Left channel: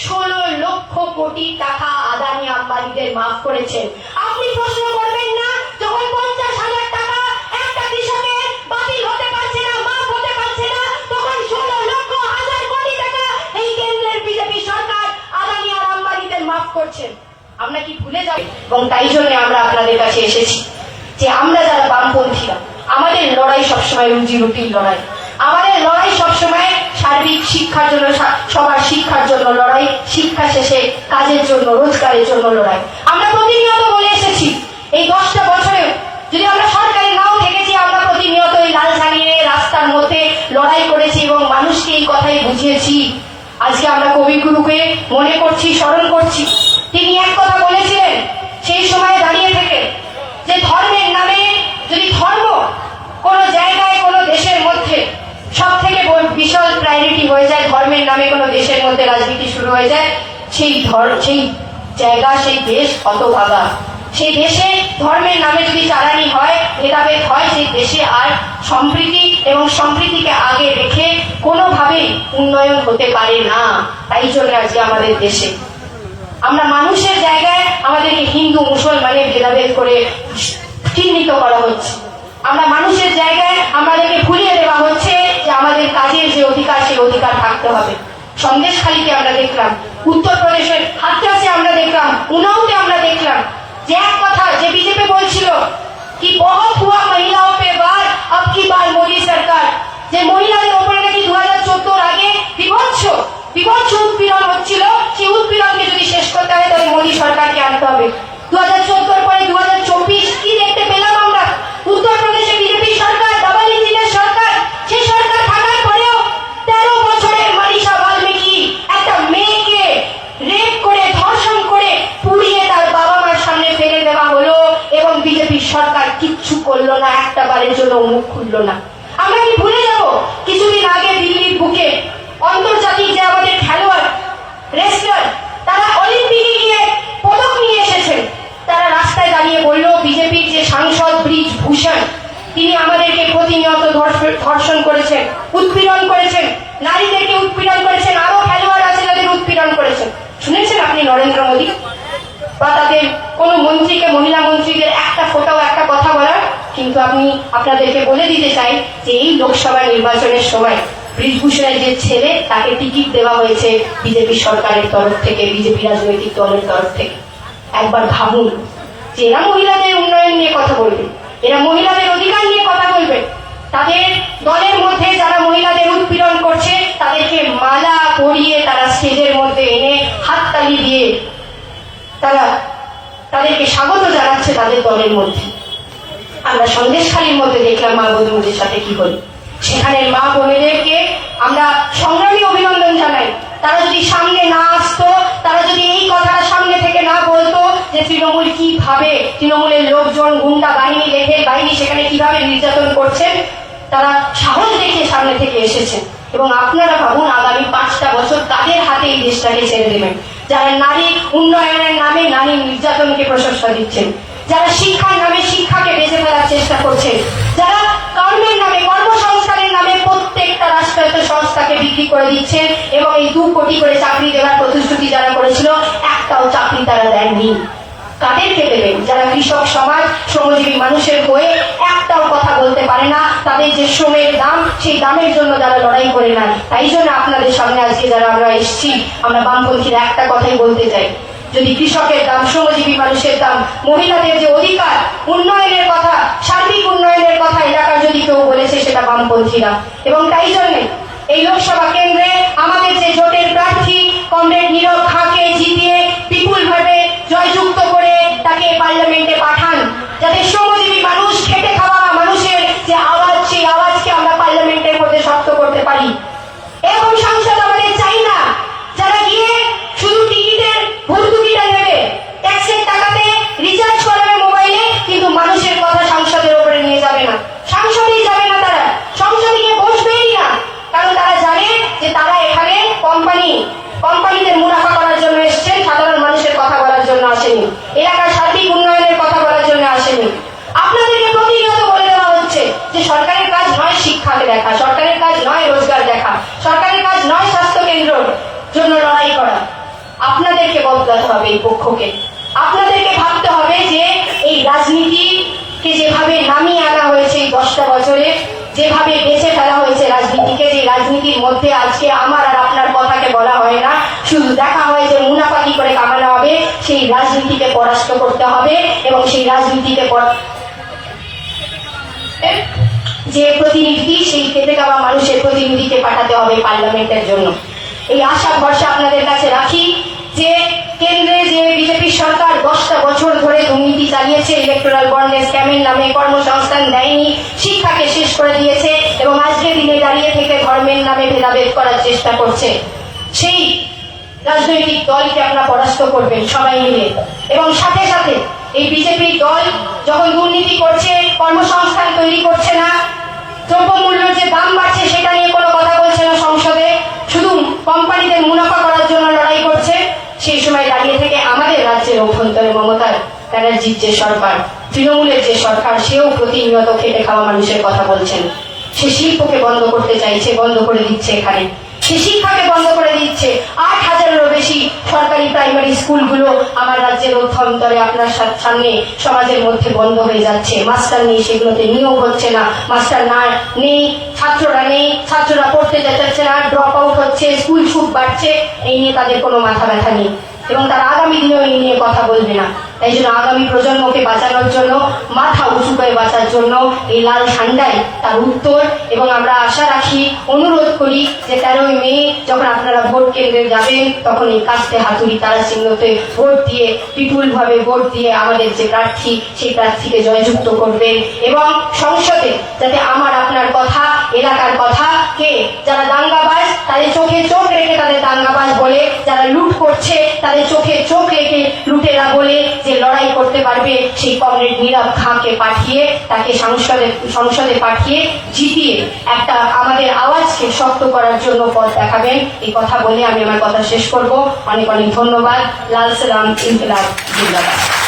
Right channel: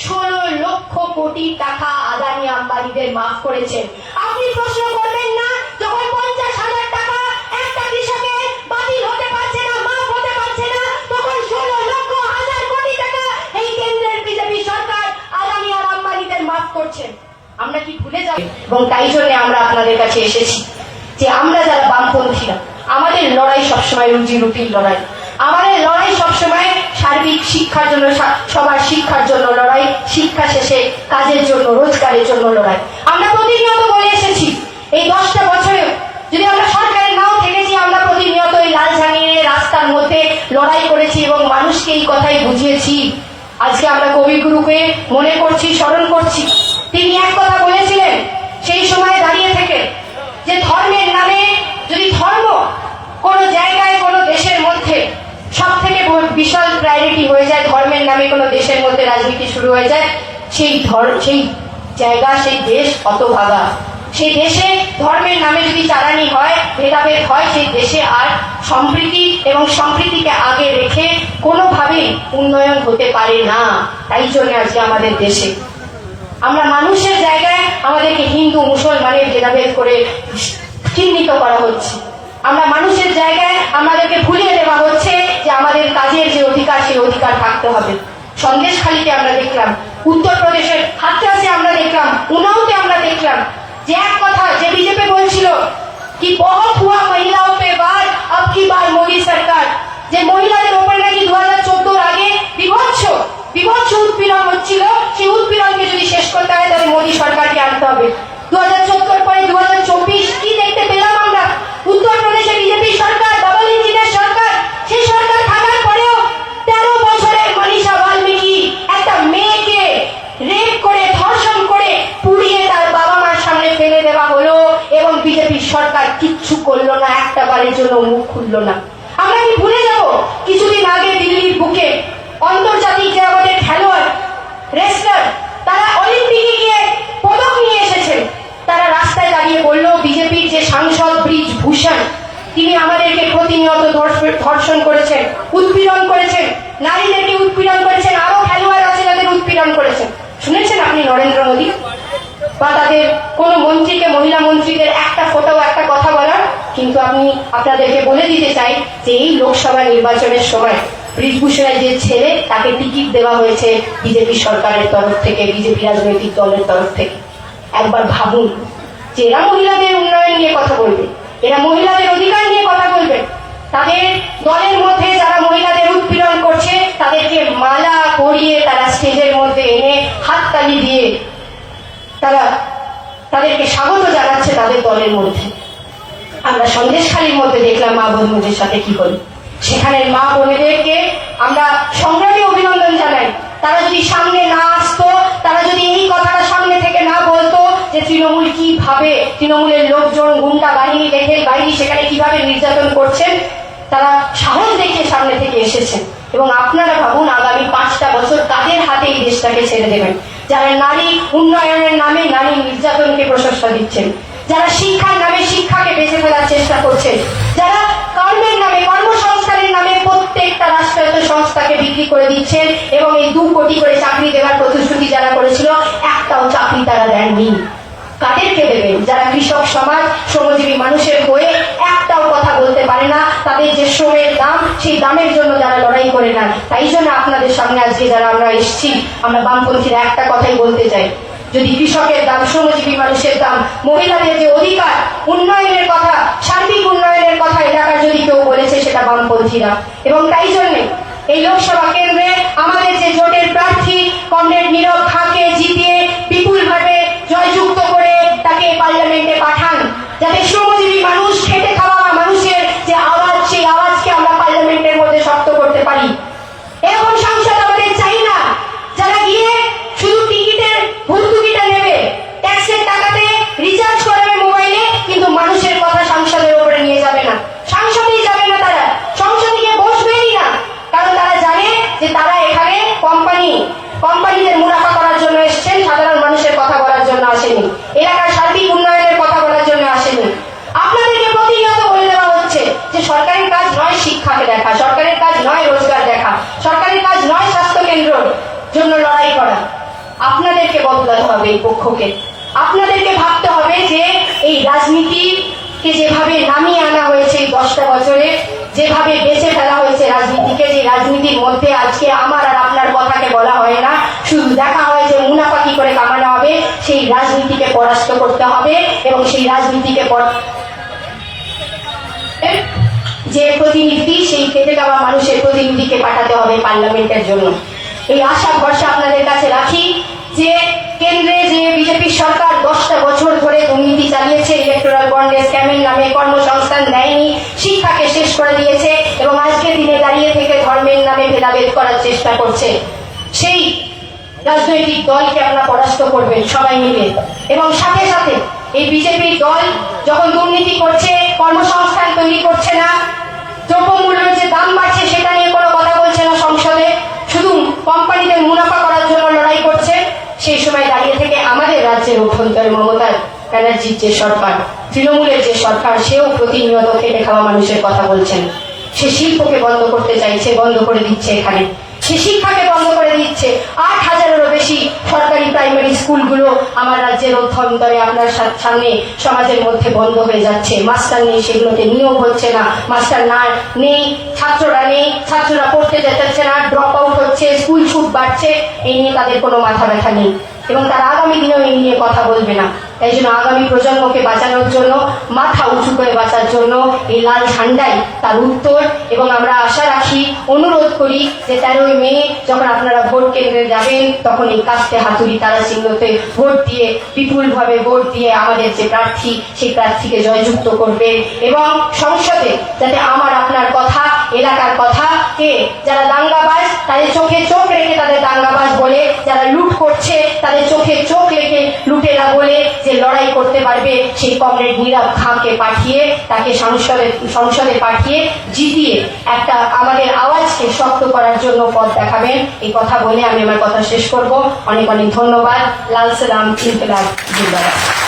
ষোলো লক্ষ কোটি টাকা আদানি আম্বানিদের মাফ করেছেন। আপনি প্রশ্ন করবেন না যখন পঞ্চাশ হাজার টাকা একটা কৃষকের বাতিল হতে পারছে না, মাফ হতে পারছে না তখন ষোলো লক্ষ হাজার কোটি টাকা এই কেন্দ্রের বিজেপি সরকার আদানি আর আম্বানিদের মাফ করছেন আমরা কি ভুলে যাব এবং তাই জন্য আমরা আপনাদের কাছে এসেছি যে আমরা যারা বামপন্থীরা আমাদের লড়াই সবসময় রুজি রুটির লড়াই। সার্বিক শিক্ষার জন্য সবার শিক্ষার জন্য লড়াই, শিক্ষা শেষে কাজের জন্য, রোজগারের জন্য লড়াই। আমরা প্রতিনিয়ত বলে এসেছি, এই দশটা বছরে যদি আমরা সরকারের নাও থেকেছি আমরা প্রতিনিয়ত এই লাল জানিয়ে রাস্তার মধ্যে লড়াই করেছি এবং মানুষকে এই কথাই বুঝিয়েছি। আজকে আমরা কবিগুরুকে মনে করছি, স্মরণ করছি। তিনি এক কথা বলেছিলেন, সেই সময় দাঁড়িয়ে থেকে যে ধর্মের নামে যদি ধর্ম কোন জায়গায় হয়ে যায়, ধর্মের নামে কোন দেশের মধ্যে রাজনীতি শুরু হয়ে যায়, সেই ধর্ম, সেই জায়গা, সেই দেশ কত ভাবা সেই দেশে ধর্মের নামে যদি জ্বালানি হয়, ভেদাভেদ হয়, সেই দেশে আর সম্প্রীতি এবং সম্প্রীতিকে আগে রেখে কোনোভাবেই উন্নয়ন হতে পারে না। তাই জন্য আজকে আমাদের দেশে। আমরা মানুষের জায়গায় আমাদেরকে হিন্দু, মুসলমানের ভেদাভেদ করে চিহ্নিত করা হচ্ছে। আমরা মানুষের জায়গায় আমাদেরকে ভুলিয়ে দেওয়া হচ্ছে কাজের যে অধিকার, সেই অধিকার থাকতে হবে। সন্দেশখালীতে আমরা দেখলাম, উত্তরপ্রদেশের হাতরাসে আমরা দেখলাম উনাওতে আমরা দেখলাম, যে এক কথা যে বিজেপি বলছিল কি, বহুত হুয়া মহিলাও পে বার আব কি বার মোদী সরকার? যে মহিলাদের ওপরে নাকি দু হাজার চোদ্দোর আগে বিভৎস বিভৎস উৎপীড়ন হচ্ছিল। সেই উৎপীড়নকে যদি শেষ করতে হয়, তাহলে মোদী সরকারকে আনতে হবে। বিজেপি সরকার কিচ্ছু করল না, একটা বারের জন্য মুখ খুললো না। আমরা কি ভুলে যাব? কিছুদিন আগে দিল্লির বুকে অন্তর্জাতিক যে আমাদের খেলোয়াড় রেসলার তারা অলিম্পিকে গিয়ে পদক নিয়ে এসেছেন। তারা রাস্তায় দাঁড়িয়ে বলল, বিজেপির যে সাংসদ ব্রিজ ভূষণ, তিনি আমাদেরকে প্রতিনিয়ত ধর্ষণ করেছেন, উৎপীড়ন করেছেন, নারীদেরকে উৎপীড়ন করেছেন, আরও খেলোয়াড় আছে তাদের উৎপীড়ন করেছেন। শুনেছেন আপনি নরেন্দ্র মোদী? তাদের কোন মন্ত্রীকে, মহিলা মন্ত্রীদের একটা ফটো একটা কথা বলা কিন্তু আমি আপনাদেরকে বলে দিতে চাই যে এই লোকসভা নির্বাচনের সময় ব্রিজভূষণের যে ছেলে, তাকে টিকিট দেওয়া হয়েছে বিজেপি সরকারের তরফ থেকে, বিজেপি রাজনৈতিক দলের তরফ থেকে। একবার ভাবুন যে এরা মহিলাদের উন্নয়ন নিয়ে কথা বলবে, এরা মহিলাদের অধিকার নিয়ে কথা বলবে, তাদের দলের মধ্যে যারা মহিলাদের উৎপীড়ন করছে, তাদেরকে মালা পরিয়ে তারা স্টেজের মধ্যে এনে হাততালি দিয়ে তারা তাদেরকে স্বাগত জানাচ্ছে তাদের দলের মধ্যে। আমরা সন্দেশখালীর মধ্যে দেখলাম মা বোনদের সাথে কি হল। সেখানে মা বোনেদেরকে আমরা সংগ্রামী অভিনন্দন জানাই। তারা যদি সামনে না আসতো, তারা যদি এই কথাটা সামনে থেকে না বলতো যে তৃণমূল কি ভাবে, তৃণমূলের লোকজন গুন্ডা বাহিনী রেখে বাহিনী সেখানে কীভাবে নির্যাতন করছেন তারা সাহস দেখিয়ে সামনে থেকে এসেছেন। এবং আপনারা ভাবুন, আগামী পাঁচটা বছর তাদের হাতে এই দেশটাকে ছেড়ে দেবেন। যারা নারী উন্নয়নের নামে নারী নির্যাতনকে প্রশংসা দিচ্ছেন, যারা শিক্ষার নামে শিক্ষাকে বেঁচে ফেলার চেষ্টা করছেন, যারা কর্মের নামে, কর্মসংস্থানের নামে প্রত্যেকটা রাষ্ট্রায়ত্ত সংস্থাকে বিক্রি করে দিচ্ছে এবং এই দু কোটি করে চাকরি দেওয়ার প্রতিশ্রুতি যারা করেছিল, একটাও চাকরি তারা দেননি। কাদেরকে দেবেন? যারা কৃষক সমাজ, শ্রমজীবী মানুষের বয়ে বলতে পারে না, তাদের যে শ্রমের দাম, সেই দামের জন্য যারা লড়াই করে না তাই জন্য আপনাদের সামনে আজকে যারা আমরা এসেছি, আমরা বামপন্থীরা একটা কথাই বলতে চাই। যদি কৃষকের দাম শ্রমজীবী মানুষের দাম, মহিলাদের যে অধিকার, উন্নয়নের কথা, সার্বিক উন্নয়নের কথা এলাকার যদি কেউ বলেছে, সেটা বামপন্থীরা। এবং তাই জন্য এই লোকসভা কেন্দ্রে আমাদের যে জোটের প্রার্থী, কমরেড নীরব খাকে জিতিয়ে বিপুল ভাগে জয়যুক্ত করে তাকে পার্লামেন্টে পাঠান। যাতে শ্রমজীবী মানুষ আমরা পার্লামেন্টের মধ্যে শক্ত করতে পারি। এরকম সংসদ আমাদের চাই না, যারা গিয়ে শুধু টিকিটের ভর্তুকিটা নেবে, ট্যাক্সের টাকাতে রিচার্জ করবে মোবাইলে কিন্তু মানুষের কথা সংসদের উপরে নিয়ে যাবে না। সংসদই যাবে না তারা। সংসদে গিয়ে বসবেই না, কারণ তারা জানে যে তারা এখানে কোম্পানি কোম্পানিদের মুনাফা করার জন্য এসেছেন, সাধারণ মানুষের কথা বলার জন্য আসেনি। এলাকার সার্বিক উন্নয়নের কথা বলার জন্য আসেনি। আপনাদেরকে সরকারের কাজ নয় শিক্ষাকে দেখা, সরকারের কাজ নয় রোজগার দেখা, সরকারের কাজ নয় স্বাস্থ্য কেন্দ্র জন্য লড়াই করা। আপনাদেরকে বদলাতে হবে এই পক্ষকে। আপনাদেরকে ভাবতে হবে যে এই রাজনীতিকে যেভাবে নামিয়ে আনা হয়েছে এই দশটা বছরে, যেভাবে বেঁচে ফেলা হয়েছে রাজনীতিকে এই রাজনীতির মধ্যে আজকে আমার আর আপনার কথাকে বলা হয় না, শুধু দেখা হয় যে মুনাফা কি করে কামানো হবে, সেই রাজনীতিকে পরাস্ত করতে হবে এবং সেই রাজনীতিকে পর- যে প্রতিনিধি, সেই খেতে খাওয়া মানুষের প্রতিনিধিকে পাঠাতে হবে পার্লামেন্টের জন্য। এই আশা ভরসা আপনাদের কাছে রাখি যে কেন্দ্রে যে বিজেপি সরকার দশটা বছর ধরে দুর্নীতি চালিয়েছে ইলেকট্রাল বন্ডে স্ক্যামের নামে কর্মসংস্থান দেয়নি, শিক্ষাকে শেষ করে দিয়েছে এবং আজকের দিনে দাঁড়িয়ে থেকে ধর্মের নামে ভেদাভেদ করার চেষ্টা করছে। সেই রাজনৈতিক দলকে আপনারা পরাস্ত করবেন সবাই মিলে। এবং সাথে সাথে এই বিজেপি দল যখন দুর্নীতি করছে, কর্মসংস্থান তৈরি করছে না দ্রব্যমূল্যের যে দাম বাড়ছে সেটা নিয়ে কোনো কথা বলছে না সংসদে। শুধু কোম্পানিদের মুনাফা করার জন্য লড়াই করছে, সেই সময় দাঁড়িয়ে থেকে আমাদের রাজ্যের অভ্যন্তরে মমতা ব্যানার্জির যে সরকার, তৃণমূলের যে সরকার, সেও প্রতিনিয়ত খেটে খাওয়া মানুষের কথা বলছেন। সে শিল্পকে বন্ধ করতে চাইছে, বন্ধ করে দিচ্ছে এখানে। শিক্ষাকে বন্ধ করে দিচ্ছে। আট হাজারেরও বেশি সরকারি প্রাইমারি স্কুলগুলো আমার রাজ্যের অভ্যন্তরে, আপনার সামনে সমাজের মধ্যে বন্ধ হয়ে যাচ্ছে। মাস্টার নিয়ে সেগুলোতে নিয়োগ হচ্ছে না। মাস্টার না নেই, ছাত্ররা নেই, ছাত্ররা পড়তে যেতে না ড্রপ আউট হচ্ছে স্কুল ছুট বাড়ছে, এই নিয়ে তাদের কোনো মাথা ব্যথা নেই। এবং তারা আগামী দিনেও এই নিয়ে কথা বলবে না। তাই জন্য আগামী প্রজন্মকে বাঁচানোর জন্য, মাথা উঁচু করে বাঁচার জন্য এই লাল ঝান্ডাই তার উত্তর। এবং আমরা আশা রাখি, অনুরোধ করি যে তেরোই মে যখন আপনারা ভোট কেন্দ্রে যাবেন, তখন এই কাস্তে হাতুড়ি তারা চিহ্নতে ভোট দিয়ে বিপুল ভাবে ভোট দিয়ে আমাদের যে প্রার্থী, সেই প্রার্থীকে জয়যুক্ত করবে। এবং সংসদে যাতে আমার, আপনার কথা, এলাকার কথা কে, যারা দাঙ্গাবাজ তাদের চোখে চোখ রেখে তাদের দাঙ্গাবাজ বলে, যারা লুট করছে, তাদের চোখে চোখ রেখে লুটেরা বলে যে লড়াই করতে পারবে, সেই কমরেড নীরব খাঁকে পাঠিয়ে, তাকে সংসদে সংসদে পাঠিয়ে জিতিয়ে একটা আমাদের আওয়াজকে শক্ত করার জন্য পথ দেখাবেন। এই কথা বলে আমি আমার কথা শেষ করব। অনেক অনেক ধন্যবাদ। লাল সালাম, ইনকলাব।